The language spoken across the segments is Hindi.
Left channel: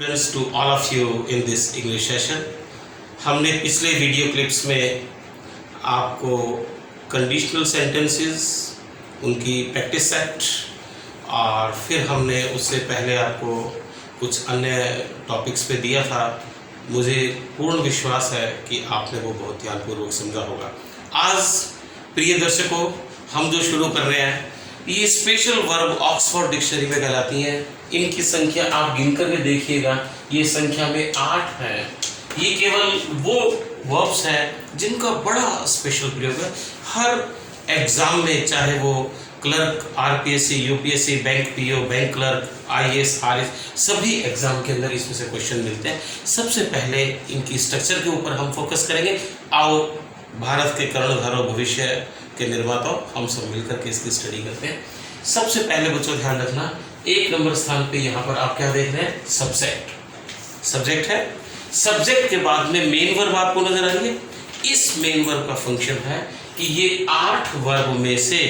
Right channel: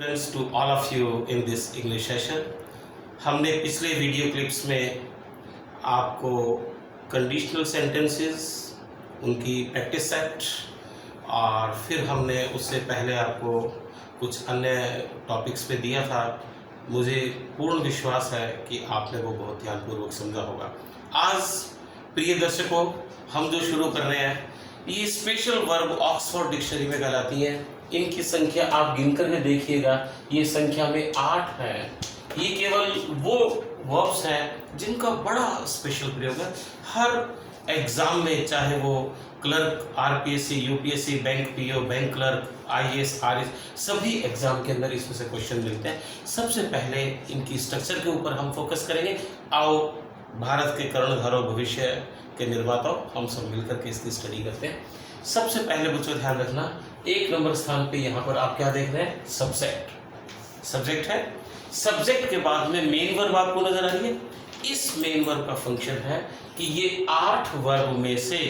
Friends, to all of you in this English session. हमने पिछले वीडियो क्लिप्स में आपको कंडीशनल सेंटेंसेस, उनकी प्रैक्टिस सेट और फिर हमने उससे पहले आपको कुछ अन्य टॉपिक्स पे दिया था। मुझे पूर्ण विश्वास है कि आपने वो बहुत ध्यानपूर्वक समझा होगा। आज प्रिय दर्शकों, हम जो शुरू कर रहे हैं ये स्पेशल वर्ब ऑक्सफोर्ड डिक्शनरी में कहलाती हैं। इनकी संख्या आप गिन करके देखिएगा, ये संख्या में 8 है। ये केवल वो वर्ब्स हैं जिनका बड़ा स्पेशल प्रयोग है। हर एग्जाम में, चाहे वो clerk, RPSC, UPSC, bank PO, bank clerk, IAS, RS, सभी एग्जाम के अंदर इसमें से क्वेश्चन मिलते हैं। सबसे पहले इनकी स्ट्रक्चर के ऊपर हम फोकस करेंगे। आओ, भारत के कर्णधारों, भविष्य के निर्माताओं, हम सब मिलकर के इसकी स्टडी करते हैं। सबसे पहले बच्चों ध्यान रखना, 1 नंबर स्थान पे यहाँ पर आप क्या देख रहे हैं? सब्जेक्ट। सब्जेक्ट है। सब्जेक्ट के बाद में मेन वर्ब आपको नजर आ रही है। इस मेन वर्ब का फंक्शन है कि ये 8 वर्ब में से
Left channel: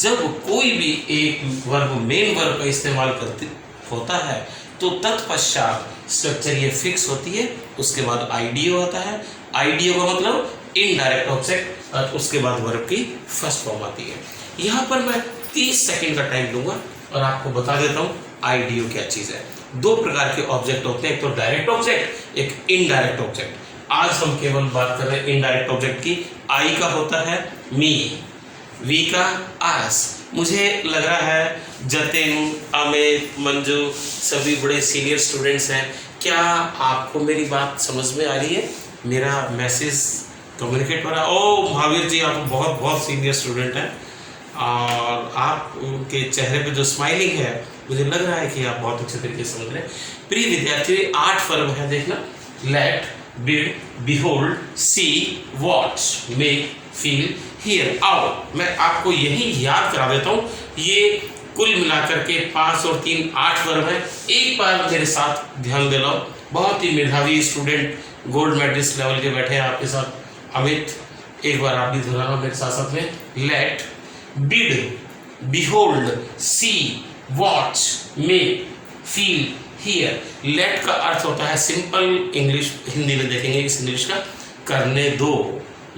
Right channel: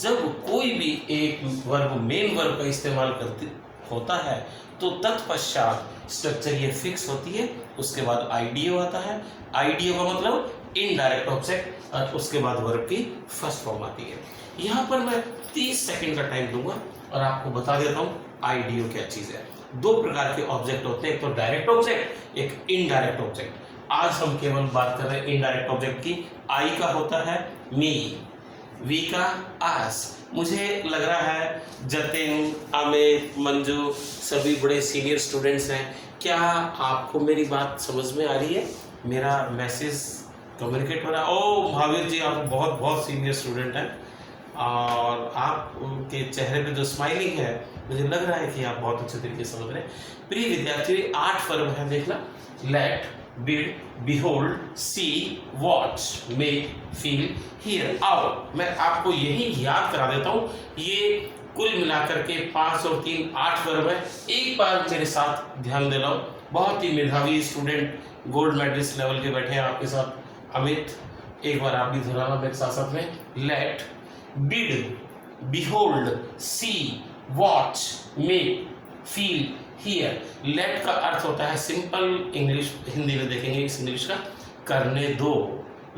जब कोई भी एक वर्ब मेन वर्ब का इस्तेमाल करते होता है तो तत्पश्चात स्ट्रक्चर ये फिक्स होती है। उसके बाद आईडीओ आता है। आईडीओ का मतलब इनडायरेक्ट ऑब्जेक्ट, और उसके बाद वर्ब की फर्स्ट फॉर्म आती है। यहाँ पर मैं 30 सेकेंड का टाइम लूंगा और आपको बता देता हूँ आईडीओ क्या चीज है। 2 प्रकार के ऑब्जेक्ट होते हैं, एक तो डायरेक्ट ऑब्जेक्ट, एक इनडायरेक्ट ऑब्जेक्ट। आज हम केवल बात कर रहे हैं इनडायरेक्ट ऑब्जेक्ट की। आई का होता है मी, वी का आस। मुझे लग रहा है जतिन, अमित, मंजू सभी बड़े सीनियर स्टूडेंट्स हैं। क्या आपको मेरी बात समझ में आ रही है? मेरा मैसेज कम्युनिकेट हो रहा है? ओ महावीर जी, आप बहुत बहुत सीनियर स्टूडेंट हैं और आपके चेहरे पे जो स्माइलिंग है, मुझे लग रहा है कि आप बहुत अच्छे तरीके से समझ रहे हैं। प्रिय विद्यार्थी, 8 वर्ब है, देखना। Let, bid, behold, see, watch, make, feel, hear. आओ मैं आपको यही याद करा देता हूँ। ये कुल मिलाकर के 5 और 3 8 वर्ब है। एक बार मेरे साथ ध्यान दे लो। बहुत ही मेधावी स्टूडेंट, गोल्ड मेडलिस्ट लेवल के बैठे हैं आपके साथ। अमित, एक बार आप भी दोहराना मेरे साथ साथ में। Let, bid, behold, see, watch, make, feel, hear. Let का अर्थ होता है सिंपल इंग्लिश, हिंदी में देखेंगे इस इंग्लिश का, करने दो।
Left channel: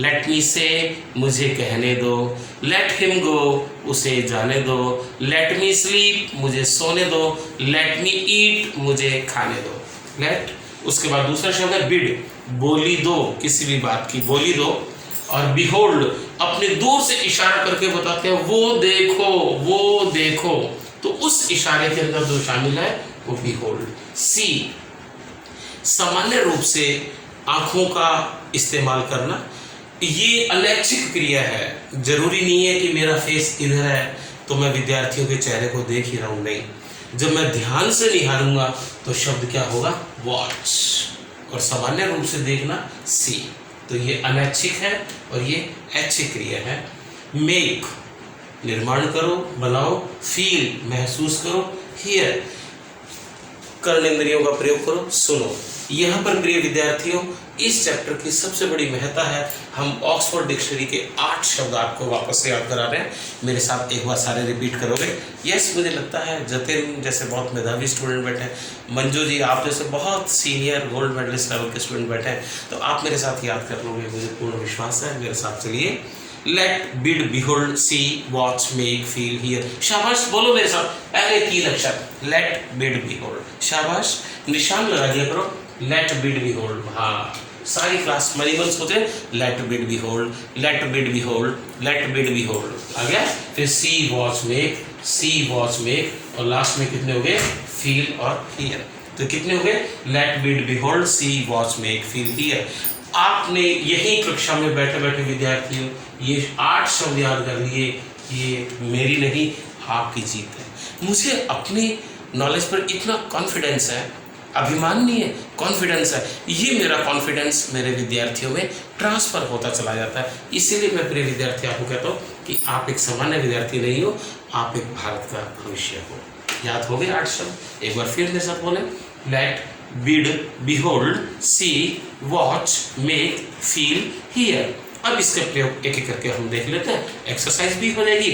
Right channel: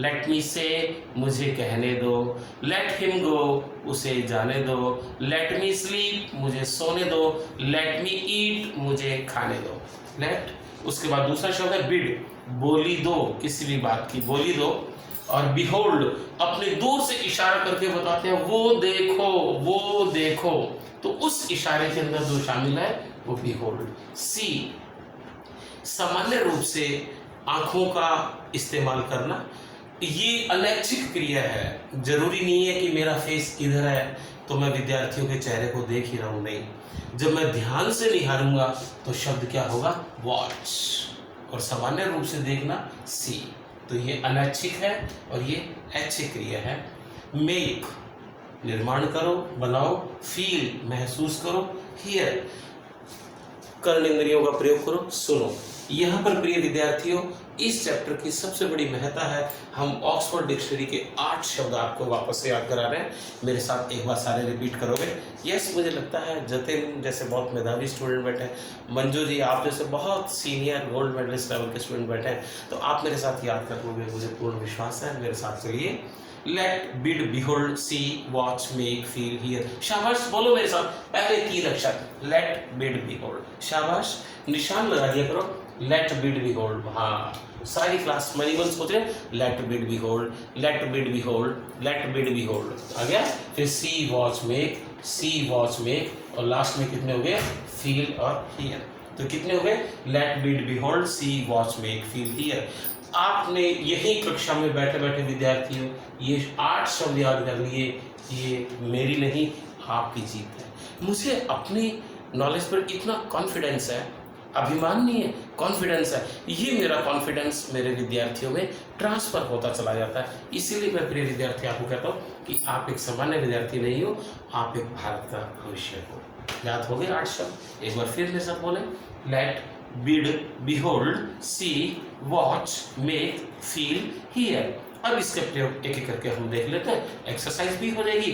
लेट मी से, मुझे कहने दो। लेट हिम गो, उसे जाने दो। लेट मी स्लीप, मुझे सोने दो। लेट मी ईट, मुझे खाने दो। लेट, उसके बाद दूसरा शब्द है बिड, बोली दो, किसी भी बात की बोली दो। और बिहोल्ड, अपने दूर से इशारा करके बताते हैं वो देखो, वो देखो, तो उस इशारे के अंदर जो शामिल है वो बिहोल्ड। सी, सामान्य रूप से आंखों का इस्तेमाल करना। ये अनैच्छिक क्रिया है। जरूरी नहीं है कि मेरा फेस इधर है तो मैं विद्यार्थियों के चेहरे को देख ही रहा हूं, नहीं। जब मैं ध्यान से निहारूंगा तो शब्द क्या होगा? वॉच। और सामान्य रूप से देखना सी। तो ये अनैच्छिक है और ये ऐच्छिक क्रिया है। मेक, निर्माण करो, बनाओ। फील, महसूस करो। हियर, कर्णेंद्रियों का प्रयोग करो, सुनो। यहाँ पर प्रिय विद्यार्थियों, इस चैप्टर की सबसे बड़ी महत्ता है। हम ऑक्सफोर्ड डिक्शनरी के 8 शब्द आपको वापस से याद करा रहे हैं। मेरे साथ एक बार सारे रिपीट करोगे? यस, मुझे लगता है जतिन जैसे बहुत मेधावी स्टूडेंट बैठे हैं, मंजू जी आप जैसे बहुत सीनियर गोल्ड मेडलिस्ट लेवल के स्टूडेंट बैठे हैं, तो आप मेरे साथ याद कर लोगे, मुझे पूर्ण विश्वास है। मेरे साथ चलिए। Let, bid, behold, see, watch, make, feel, hear. शाबाश, बोलो मेरे साथ। पहले 3 अक्षर, लेट, बिड, बिहोल्ड। शाबाश, निशान लगा दिया करो। Let, bid, behold. हाँ, सारी क्लास मनी मंस होते हैं। Let, bid, behold, let, bid, behold, let, bid, behold. आ गया? फिर see, watch, make, see, watch, make, और लास्ट में कितने हो गए? फील और हियर। तो कितने हो गए? Let, bid, behold, see, watch, make, feel, hear. आपने यही कक्षा में बैठे बैठे विद्यार्थियों ये 8 शब्द याद कर लिए। ये मेरी नहीं, आपकी जीत है। मुझे अपनी नॉलेज पर इतना कॉन्फिडेंस है, अभिमान नहीं है, कॉन्फिडेंस है। ये मेरा कॉन्फिडेंस मेरे विद्यार्थियों में ट्रांसफर होता चला जाता है। इसीलिए मैं प्रिय विद्यार्थी आपको कहता हूँ कि आप एक सामान्य विद्यार्थी नहीं हो, आप एक भारत का भविष्य हो। याद हो गए 8 शब्द? एक बार फिर मेरे साथ बोले। Let, bid, behold, see, watch, make, feel, hear. अब इसका प्रयोग एक एक करके हम देख लेते हैं। एक्सरसाइज भी हो जाएगी।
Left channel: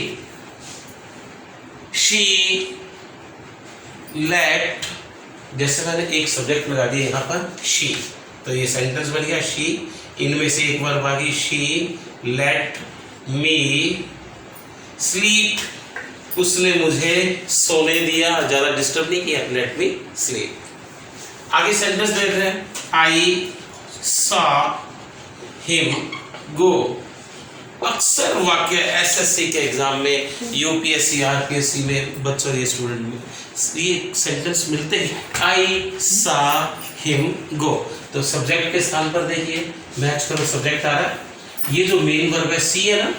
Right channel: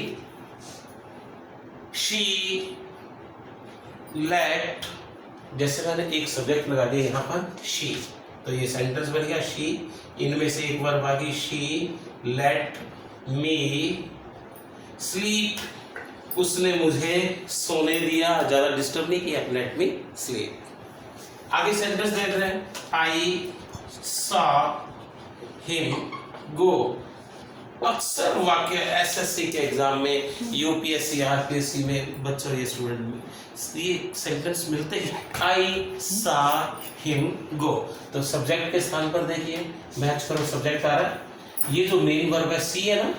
शी, लेट, जैसे मैंने एक सब्जेक्ट लगा दिया यहाँ पर शी, तो ये सेंटेंस बन गया शी, इनमें से एक वर्ब आ गई शी लेट मी स्लीप, उसने मुझे सोने दिया, ज़्यादा डिस्टर्ब नहीं किया, लेट मी स्लीप। आगे सेंटेंस देख रहे हैं, आई सॉ हिम गो। अक्सर वाक्य एसएससी के एग्जाम में, यूपीएससी आरपीएससी में बच्चों ये स्टूडेंट में ये सेंटेंस मिलते हैं, आई सॉ हिम गो। तो सब्जेक्ट के स्थान पर देखिए मैच करो, सब्जेक्ट आ रहा है, ये जो मेन वर्ब है सी है ना,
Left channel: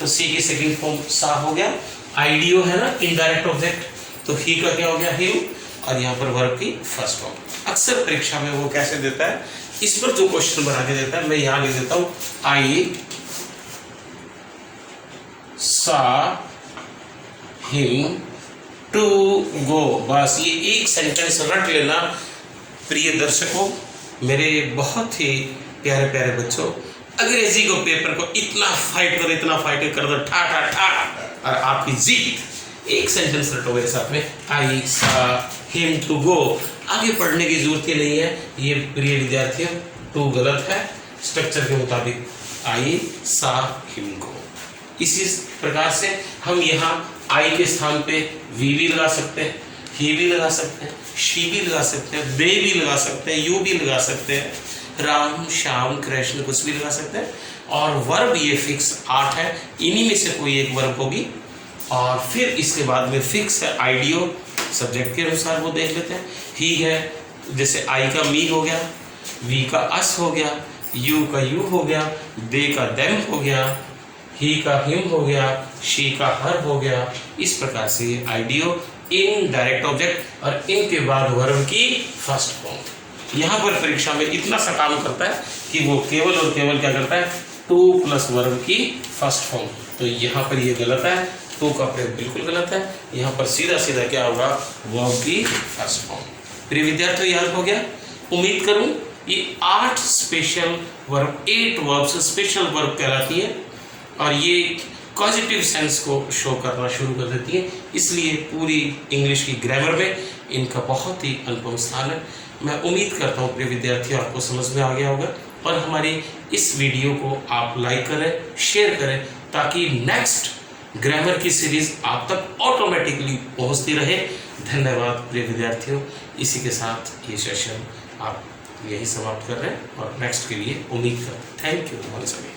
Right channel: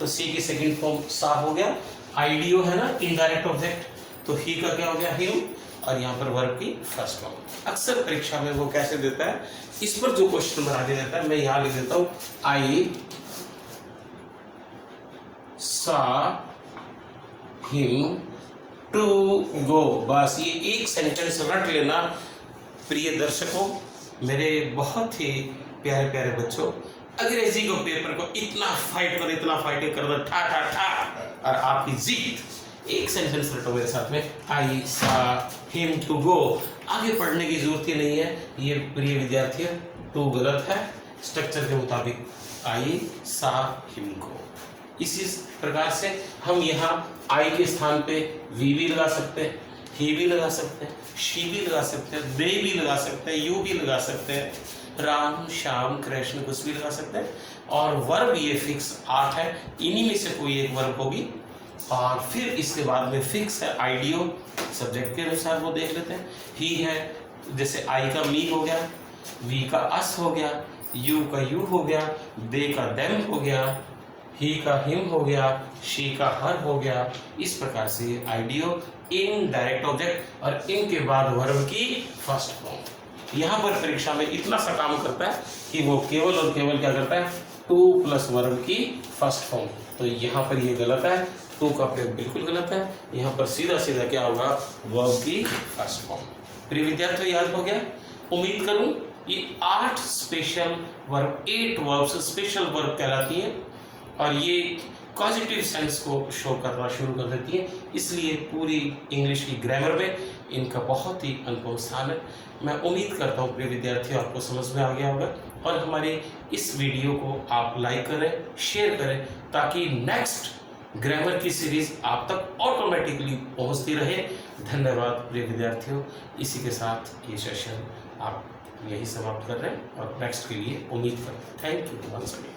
तो सी की सेकंड फॉर्म सा हो गया, आईडीओ है ना इनडायरेक्ट ऑब्जेक्ट, तो ही का क्या हो गया हिम, और यहाँ पर वर्ब की फर्स्ट फॉर्म। अक्सर परीक्षा में वो कैसे देता है, इस पर जो क्वेश्चन बना के देता है, मैं यहाँ लिख देता हूँ आई saw him to go। बस ये एक सेंटेंस रट लेना। प्रिय दर्शकों, मेरे बहुत ही प्यारे प्यारे बच्चों, अंग्रेजी को पेपर को इतना फाइट कर दो ठा ठा ठा, और आपकी जीत। एक सेंटेंस रटो मेरे साथ में, आई saw him to go। आगे पढ़ने की जरूरत ही नहीं है, ये प्रिय विद्यार्थियों टू गलत है, स्ट्रक्चर के मुताबिक आई saw him go। इसी प्रकार से हम यहाँ आई के स्थान पे वी भी लगा सकते हैं, ही भी लगा सकते हैं, शी भी लगा सकते हैं, दे भी लगा सकते हैं, यू भी लगा सकते हैं, राम श्याम कृष्ण कुछ भी लगा सकते हैं। और वर्ब ये फिक्स 8 है, इन्हीं में से कोई एक वर्ब होगी, और फिर इसके बाद में फिक्स है आईडीओ, सब्जेक्ट के अनुसार वो देख लेते हैं। ही है, जैसे आई का मी हो गया, वी का अस हो गया, यू का यू हो गया, दे का देम हो गया, ही का हिम हो गया, शी का हर हो गया। इस प्रकार से आईडीओ इन डायरेक्ट ऑब्जेक्ट और इनके बाद वर्ब की फर्स्ट फॉर्म। यहाँ पर परीक्षा में इतना सा काम करता है कि वो केवल और केवल क्या करता है, टू प्लस वर्ब की फर्स्ट फॉर्म। तो यहाँ पर ये गलत है, टू का प्रयोग बिल्कुल गलत है, यहाँ पर सीधा सीधा क्या होगा, वर्ब की फर्स्ट फॉर्म। प्रिय विद्यार्थियों, याद हो गया? उम्मीद करूँ ये 8 special verb, 8 verbs special verb कहलाती है, और ये पॉजिटिव सेंस को शो करना शुरू कर देती है, इसलिए पूरी इंग्लिश की ग्रामर में इनका बहुत ही अनुपम स्थान है। मैं उम्मीद करता हूँ प्रिय विद्यार्थियों आपको समझ में आ गया होगा, और हमारी इस वीडियो को आप लाइक करें, शेयर करें, ताकि नेक्स्ट ग्रामर की सीरीज आप तक ऑटोमेटिकली पहुँचती रहे। धन्यवाद प्रिय विद्यार्थियों। इसी के साथ ये सेशन आप यही समाप्त कर रहे हैं, और नेक्स्ट के लिए उम्मीद कर। Thank you once again.